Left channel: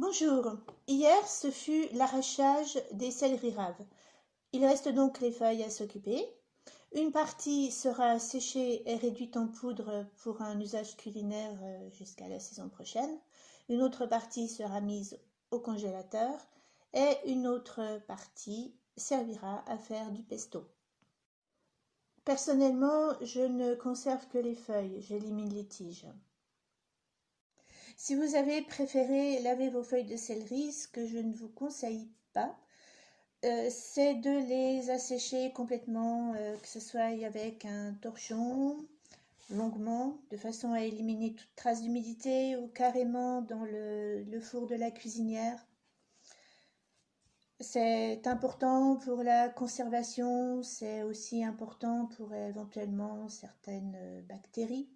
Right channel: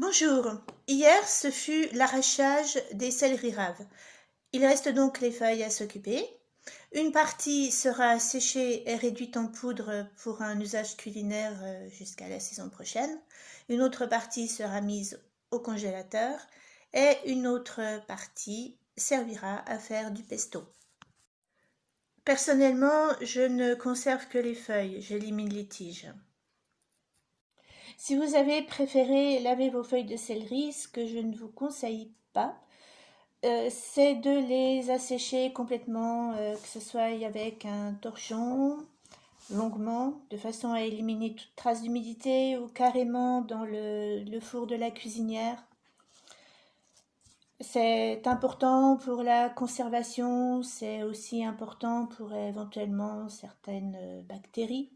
Bonjour, hier ce fut l'arrachage des céleri raves. Il reste donc les feuilles à s'occuper. Une partie sera séchée et réduite en poudre pour un usage culinaire jusqu'à la saison prochaine. Une autre partie sera mise au congélateur et une autre partie servira à faire du pesto. Personnellement, je ne conserve que les feuilles, j'élimine les tiges. Si vous avez préféré laver vos feuilles de céleri, ce que je ne vous conseille pas, c'est de les assécher complètement, que ce soit avec un torchon, longuement, de façon à éliminer toute trace d'humidité, ou carrément dans le four de la cuisinière. C'est important pour la conservation, c'est aussi important pour éventuellement certaines bactéries.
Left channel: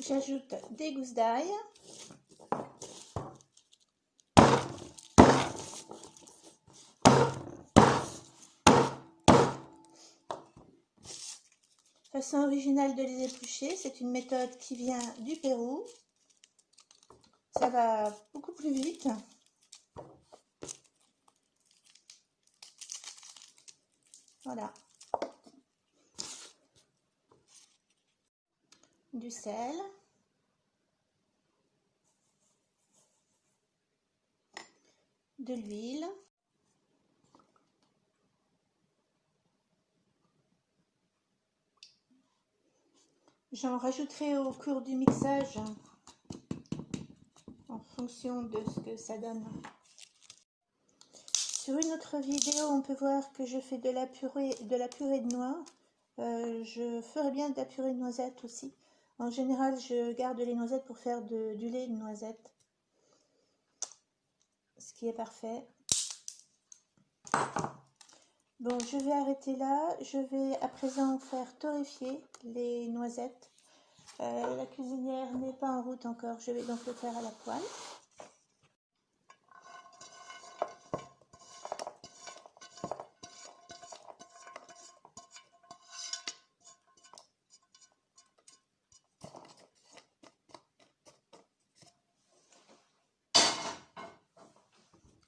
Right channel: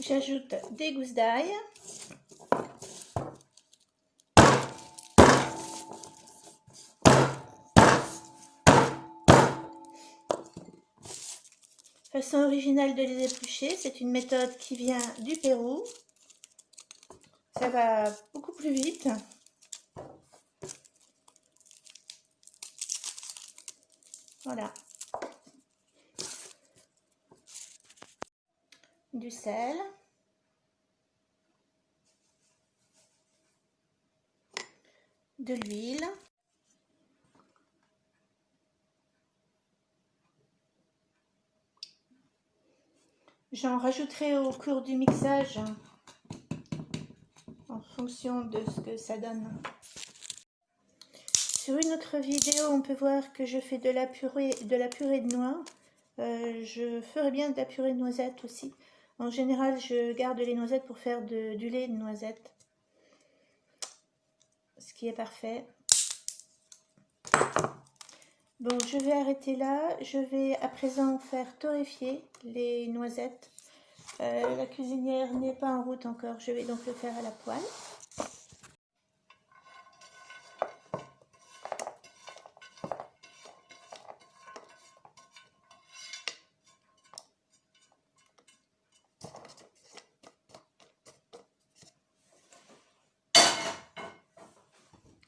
J'ajoute des gousses d'ail. Façon originale de les éplucher, c'est une méthode qui vient du Pérou. Ça va beaucoup plus vite. Voilà. Du sel. De l'huile. J'en rajouterai au cours du mixage en fonction de ce que ça donne. Sur une autre vidéo, on peut voir que je fais de la purée de noix. Je ferai bien de la purée de noisettes aussi. En général, je garde les noisettes pour faire du lait de noisette, ce qui est parfait. Bon, je vais arrêter là. Je vais à présent faire torréfier les noisettes. La cuisinière n'est pas en route encore. Je vais donc le faire à la poêle.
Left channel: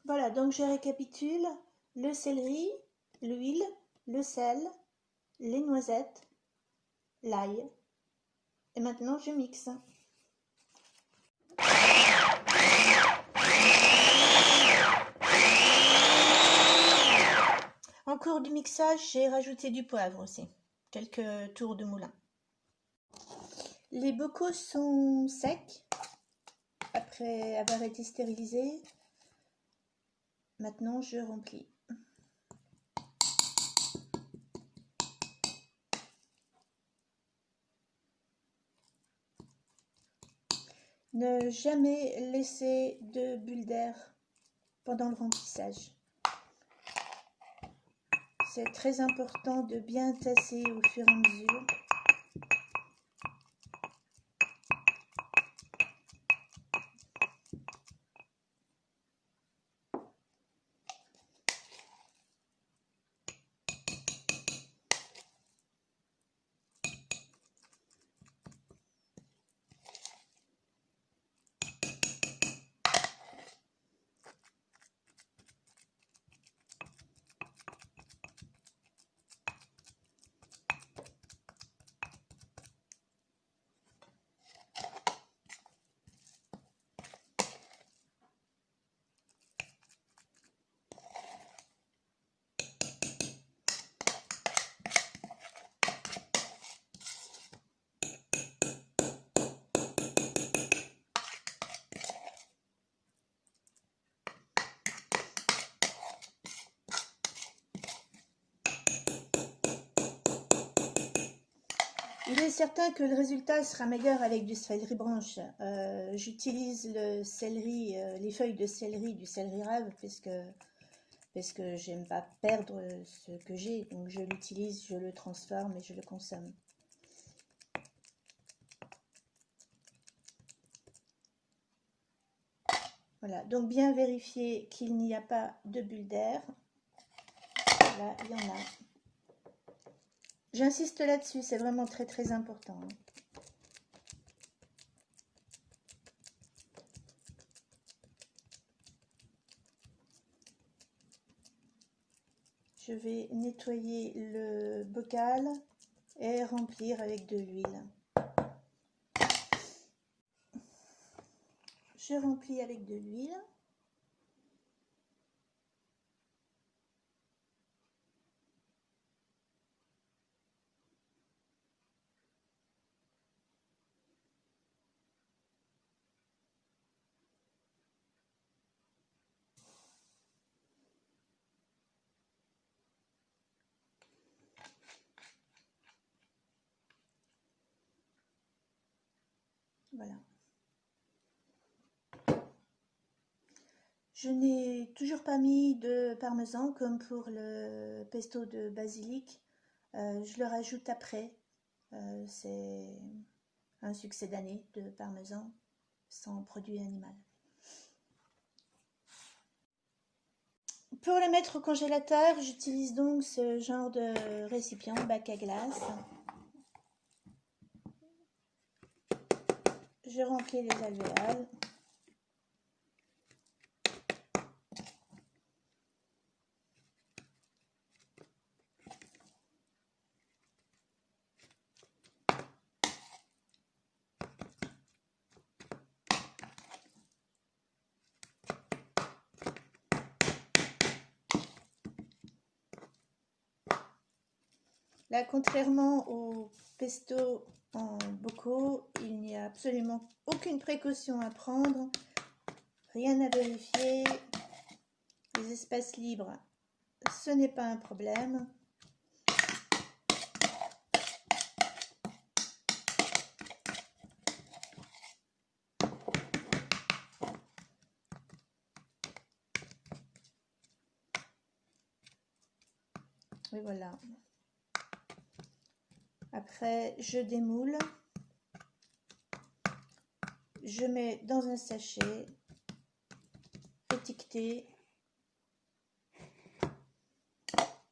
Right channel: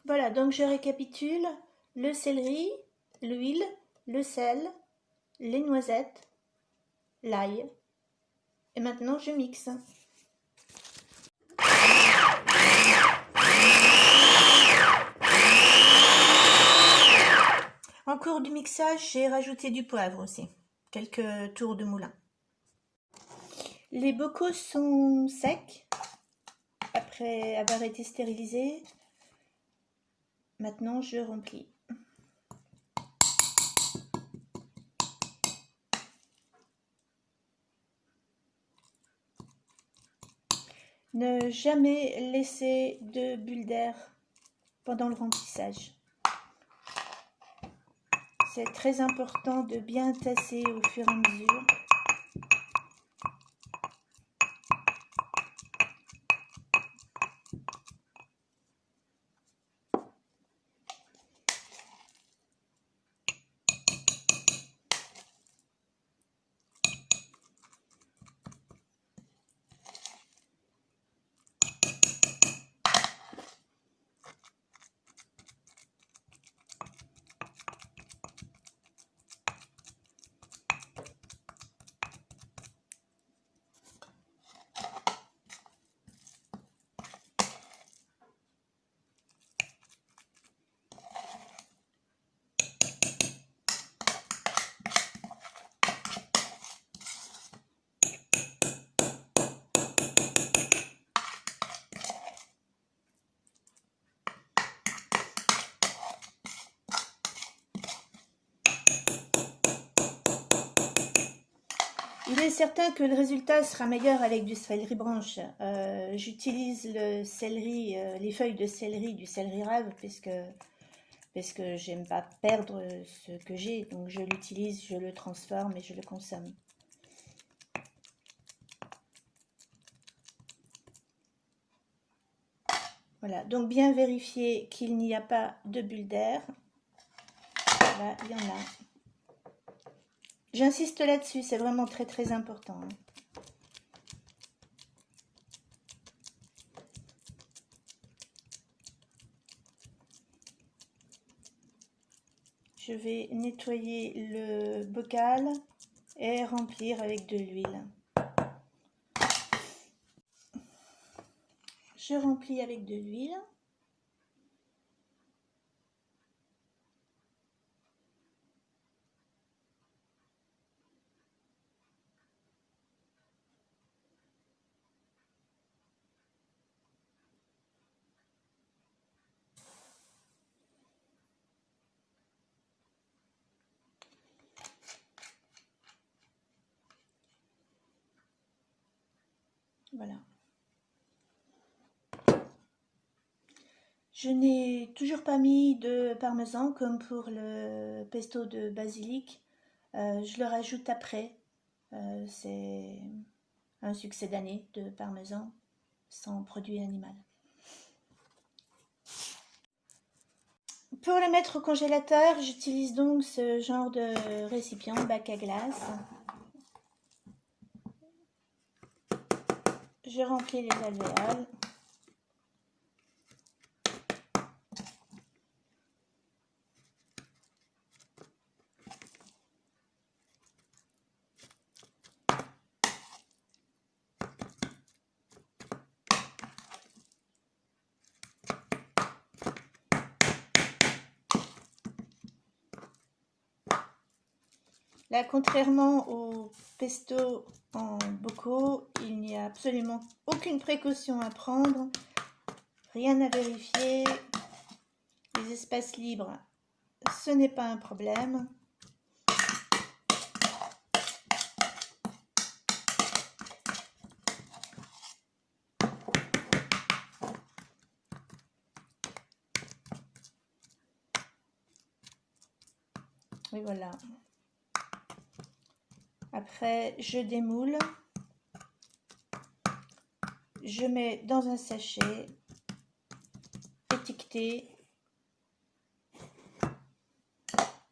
Voilà, donc je récapitule: le céleri, l'huile, le sel, les noisettes, l'ail. Et maintenant je mixe. En cours du mixage, j'ai rajouté du poivre aussi, quelques tours de moulin. Les bocaux sont secs après avoir été stérilisés. Maintenant je remplis. Ne jamais laisser de bulles d'air pendant le remplissage. C'est très important de bien tasser au fur et à mesure. Il est certain que le résultat sera meilleur avec du céleri branche. J'utilise le céleri, les feuilles de céleri du céleri rave parce que j'aime pas perdre ce que j'ai, donc je l'utilise, je le transforme et je le consomme. Voilà, donc bien vérifier qu'il n'y a pas de bulles d'air. Là, il y en a. J'insiste là-dessus, c'est vraiment très très important. je vais nettoyer le bocal et remplir avec de l'huile. Je remplis avec de l'huile. Voilà. Je n'ai toujours pas mis de parmesan comme pour le pesto de basilic. Je le rajoute après. C'est un succès d'année de parmesan sans produit animal. Pour le mettre au congélateur, j'utilise donc ce genre de récipient, bac à glace. Je remplis les alvéoles. Là, contrairement au pesto en bocaux, il n'y a absolument aucune précaution à prendre, rien à vérifier. Les espaces libres, ce n'est pas un problème. Et voilà. Après, je démoule. Je mets dans un sachet étiqueté.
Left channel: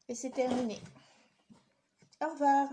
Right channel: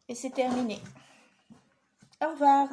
Et c'est terminé. Au revoir.